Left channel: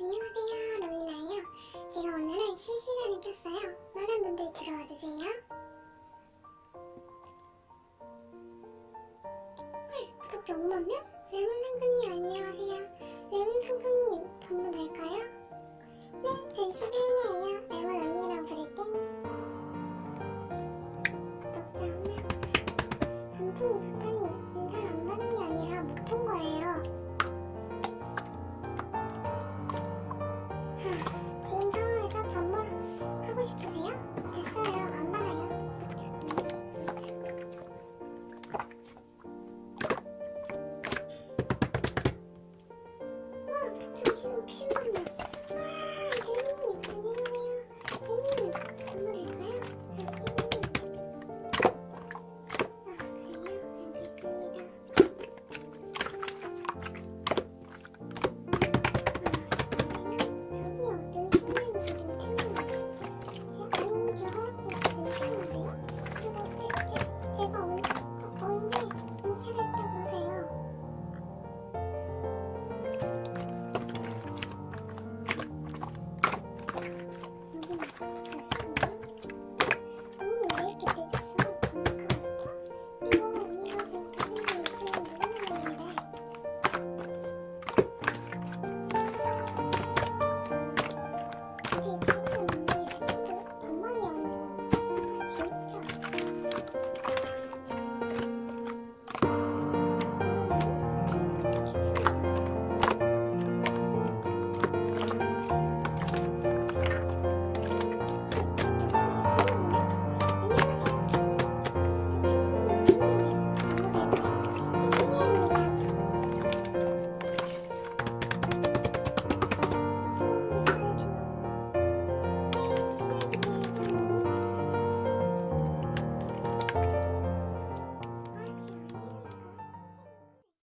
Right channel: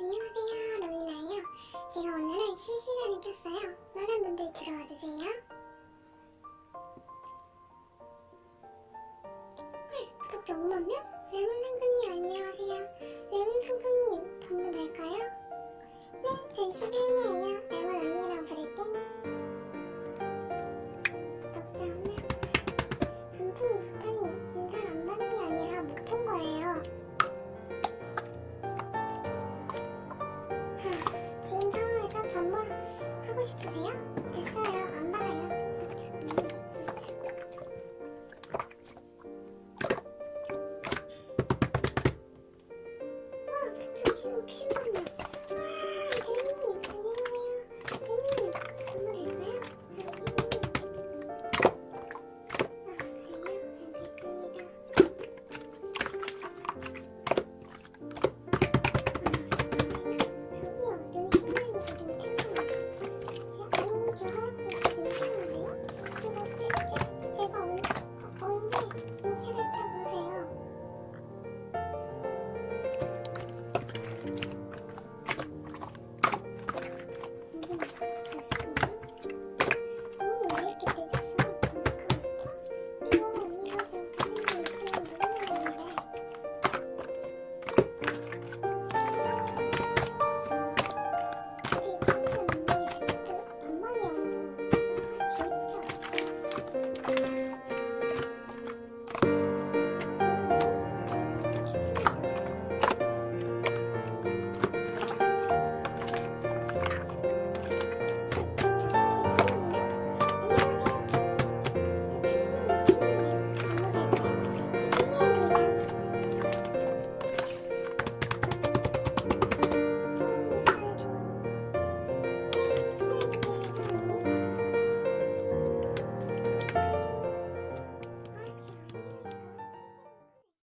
안녕하세요, 로이나예요. 제가 오늘은 실시간을 켰어요. 많은 분들 들어와주세요. 헐, 구독자 5만명? 레몬상kun님 안녕하세요. 레몬상kun님 번호 날까요? 네, 전 11년이에요. 레몬 언니라고 부를게. 구독자 1명. 단풍이 좋다님, 인사를 안 받은 게 아니라 못 본 거예요. 지금 상황에서 반말 하고 싶으세요? 됐어요. 안 받아요. 구독자 없는 게 진짜. 와, 구독자 60만명.